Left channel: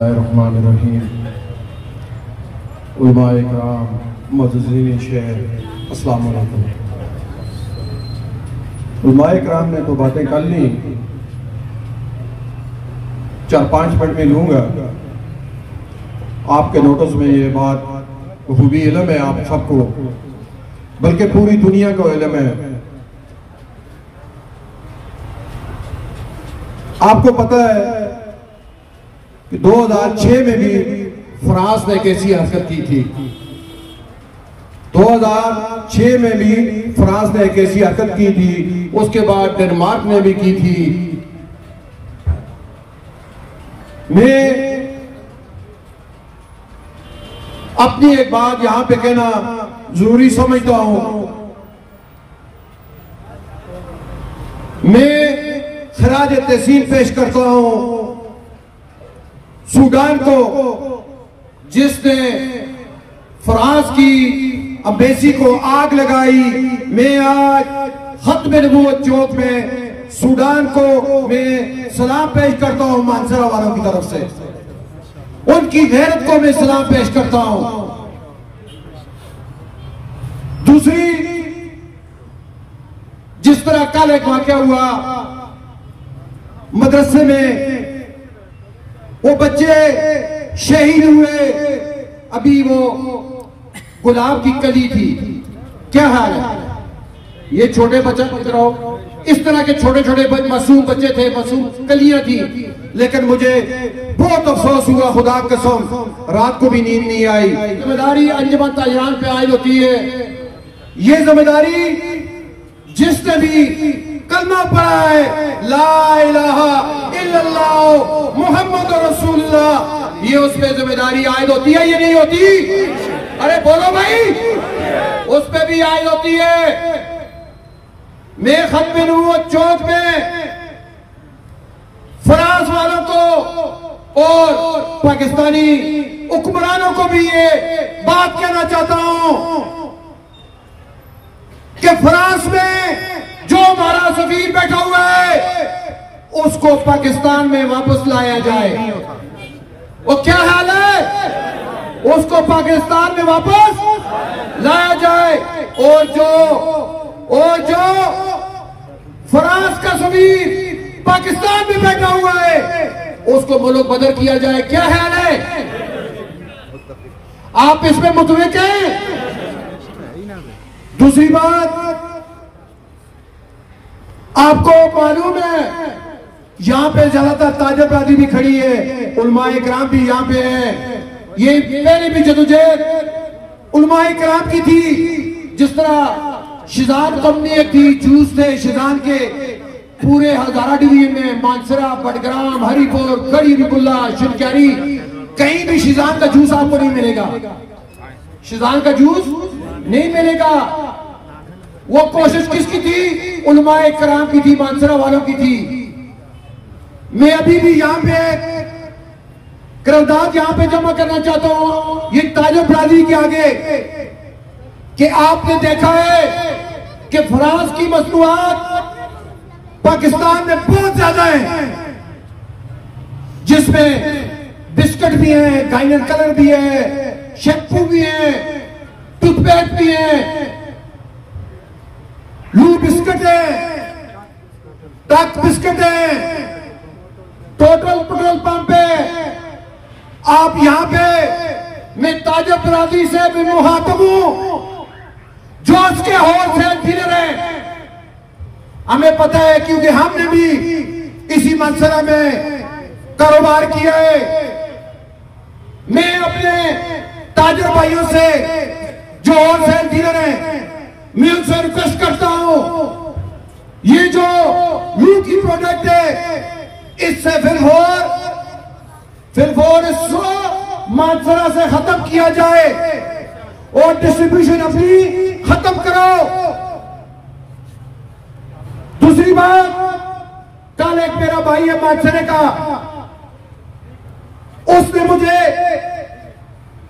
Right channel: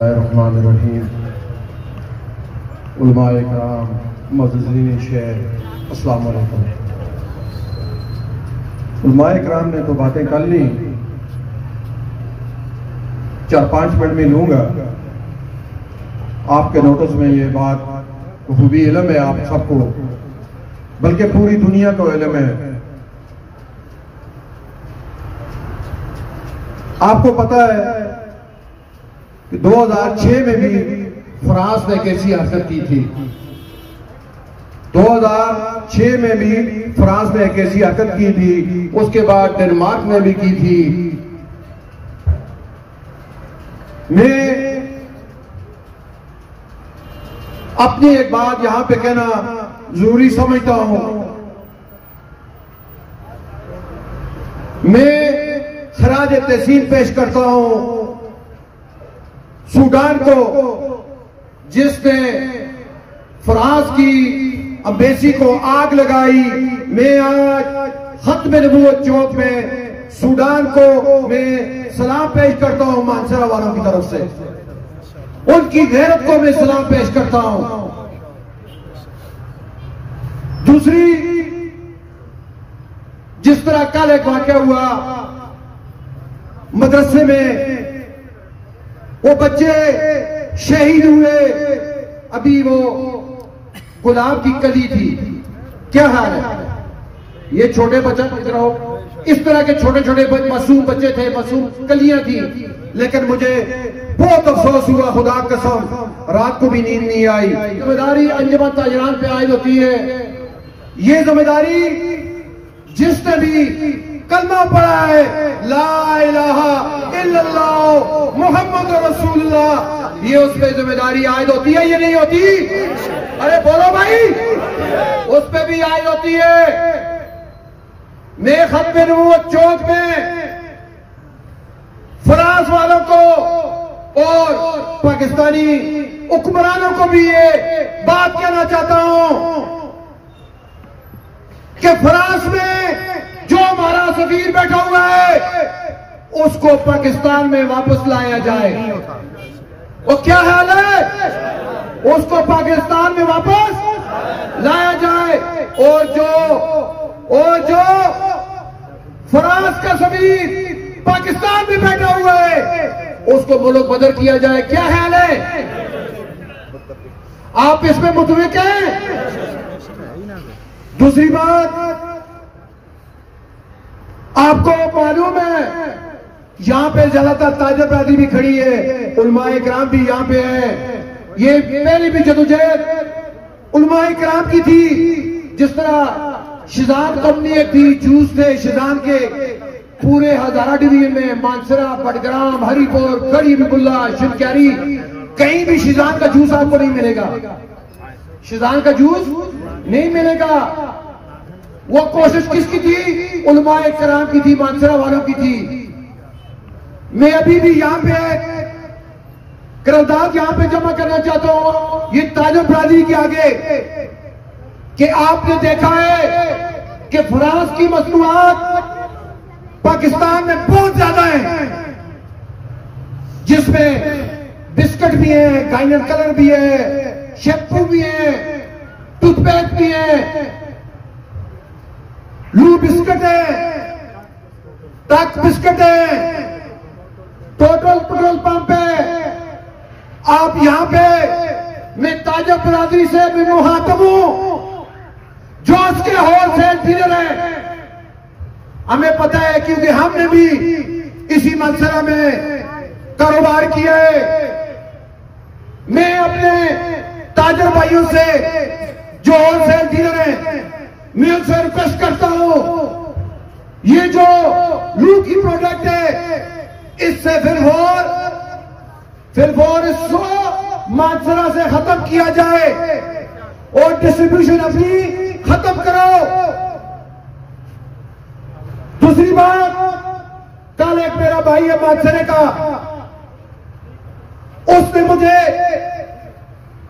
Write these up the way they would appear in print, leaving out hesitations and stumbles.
रहमानिर्रहीम। उलमाए किराम, मुअज़्ज़िज़ीन शेर, अस्सलामु अलैकुम। उलमाए किराम ने तो बातें कर ली, 4-5 मिनट में लूंगा। आपके नोटिस में ये बात खूबी इल्म है आप सबको, बल्कि पूरी दुनिया को इल्म है। आपको पता है कि 2006 में भी फ्रांस ने कैसी हरकत की थी। 2006 में भी फ्रांस ने कैसी हरकत की थी, उसके बाद डेनमार्क ने भी की थी। मैं अपनी एक बात यहां पे कहना जरूरी समझता हूं। मैं खराज तहसीन पेश करता हूं सूडान को, जिसने फ्रांस की अम्बेसी को आग लगाई। मैं आज खत्म नबूवत चौक में सूडान को मैं सलाम पेश करता हूं मानसरा वालों की तरफ से। उनकी गैरत को मैं सलाम पेश करता हूं। दूसरी, जिस तरह कल एक वाकया हुआ मदरसे में, वो बच्चे शहीद हुए, अभी वो गुलाब की कली थी। क्या हाल है? ये छोटे बच्चे इस तरह के छोटे छोटे मासूम बच्चे थे, मासूम कलियां थी। लेकिन मुझे बहुत अफसोस हुआ, खुदा कसम रात को भी नींद नहीं आई। जिम्मेदारी अंजुमन ताजरान पे आयद होती है। ये जिम्मेदारी जिसने भी कलमा पढ़ा है, ला इलाहा इल्लल्लाह मुहम्मद रसूलुल्लाह, ये उस पे जिम्मेदारी आयद होती है, ये नहीं होती? अरे बोलो भाई, उस पे भी आयद होती है। मैं खत्म नबूवत चौक में फ्रांस वालों को और पाकिस्तानी हुक्मरानों को भी ये बात कहना चाहता हूं कि फ्रांस में जो हमारा सफीर बैठा हुआ है, उसको पाकिस्तान में वापस लाया जाए। वो क्या हाल है? उसको पाकिस्तान में वापस लाया जाए। और जो फ्रांस का सफीर पाकिस्तान में बैठा हुआ है, उसको मुल्क बदर किया जाए। क्या हाल है? आप इसमें मुतफिक हैं? दूसरी बात, आपको मालूम है यहां पे ज्यादातर ताजा बरादरी भी खड़ी है, उलमाए किराम भी यहां पे है। ये पहले भी जदोजहद उलमाए किराम की थी। जिस तरह शिजान कंपनी एक थी, जूस थे शिजान के पूरे हजारा डिवीजन में, मानसरा, बडग्राम, हरिपुर, गढ़ी बिकुल्ला, शिवक्यारी, कहीं भी शिजान का जूस आपको नहीं मिलेगा। शिजान का जूस नहीं मिलेगा। वो कोशिश किसकी थी? उलमाए किराम की थी, मानसरा वालों की थी। मैं अभी भी यहां पे करारदाद यहां पे जमा करना चाहता हूं, ये ताजो बरादरी के आगे, कि आपने देखा है कि फ्रांस की मसनूआत पाकिस्तान में बहुत ज्यादा है, जिसमें बिस्किट भी है, गाइनर कलर भी है, शैम्पू भी है, टूथपेस्ट भी है, लू बिस्किट है, टक बिस्किट है, टोटल पेट्रोल पंप है। आप यहां पे मैं ताजा बरादरी से भी मुखातब हूं, जो उसके होलसेल डीलर है। हमें पता है क्योंकि हमने भी इसी मंसरा में कारोबार किया है। मैं अपने ताजर भाइयों से जो होलसेल डीलर है, मैं उनसे रिक्वेस्ट करता हूं, ये जो लू की प्रोडक्ट है, इससे फिलफोर इसको मानसरा से खत्म किया जाए और डिस्ट्रीब्यूशन अपनी खत्म करो। दूसरी बात, कल एक मेरा भाई है मानसरे का, उसने मुझे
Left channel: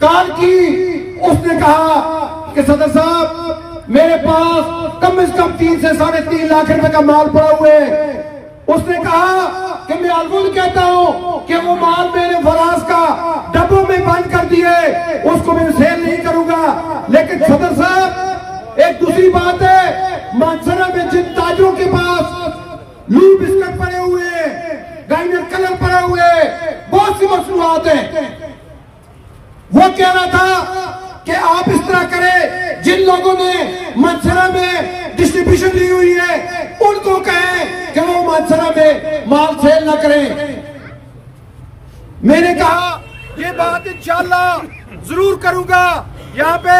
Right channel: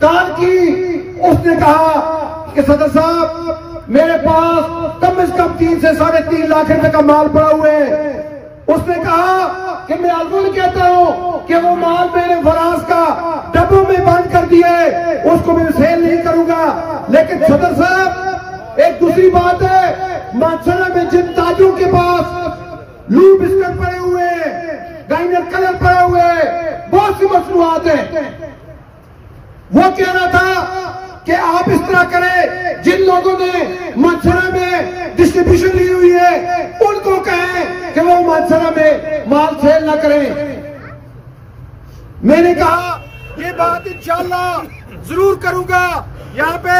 कॉल की। उसने कहा कि सदर साहब, मेरे पास कम से कम 3 से 3.5 लाख रुपए का माल पड़ा हुआ है। उसने कहा कि कि मैं अलगुल कहता हूं कि वो माल मैंने फराज का डब्बों में बंद कर दिए, उसको मैं सेल नहीं करूंगा। लेकिन सदर साहब, एक दूसरी बात है, मानसरा में जिन ताजों के पास लू बिस्कुट पड़े हुए, गाइनर कलर पड़ा हुए, बहुत सी मसनूआत है, वो कह रहा था कि आप इस तरह करें, जिन लोगों ने मानसरा में डिस्ट्रीब्यूशन ली हुई है उनको कहें कि वो मानसरा में माल सेल ना करें। मैंने कहा ये बात इंशाअल्लाह जरूर करूंगा। यहाँ पे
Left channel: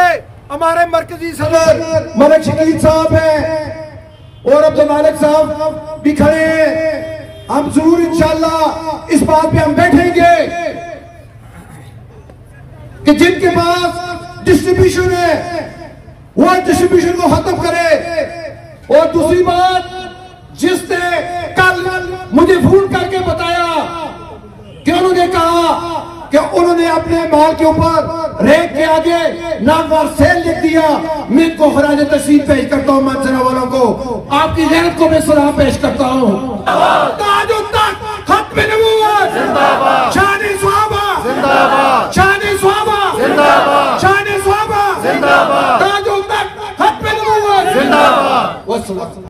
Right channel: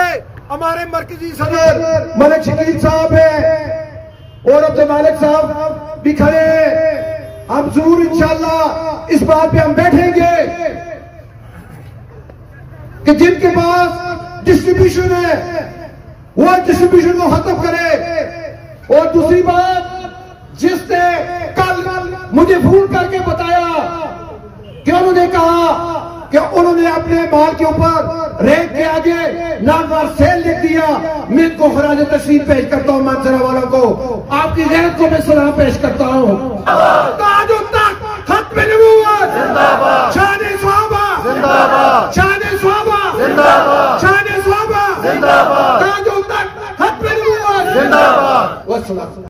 हमारे मरकजी सदर मलिक शकील साहब है और अब्दुल मालिक साहब भी खड़े हैं। हम जरूर इंशाअल्लाह इस बात पे हम बैठेंगे कि जिनके पास डिस्ट्रीब्यूशन है वो डिस्ट्रीब्यूशन को खत्म करे। और दूसरी बात, जिसने कल मुझे फोन करके बताया कि उन्होंने कहा कि उन्होंने अपने माल के ऊपर रेट के आगे नागवार सेल लिख दिया, मैं इनको खराज तशरीफ पेश करता हूं। मानसरा वालों को, आपकी गैरत को मैं सलाम पेश करता हूं। ताजो तक खत्म नबूवत जिंदाबाद, शान-ए सहाबा जिंदाबाद, शान-ए सहाबा जिंदाबाद, शान-ए सहाबा जिंदाबाद, ताजो तक खत्म नबूवत जिंदाबाद।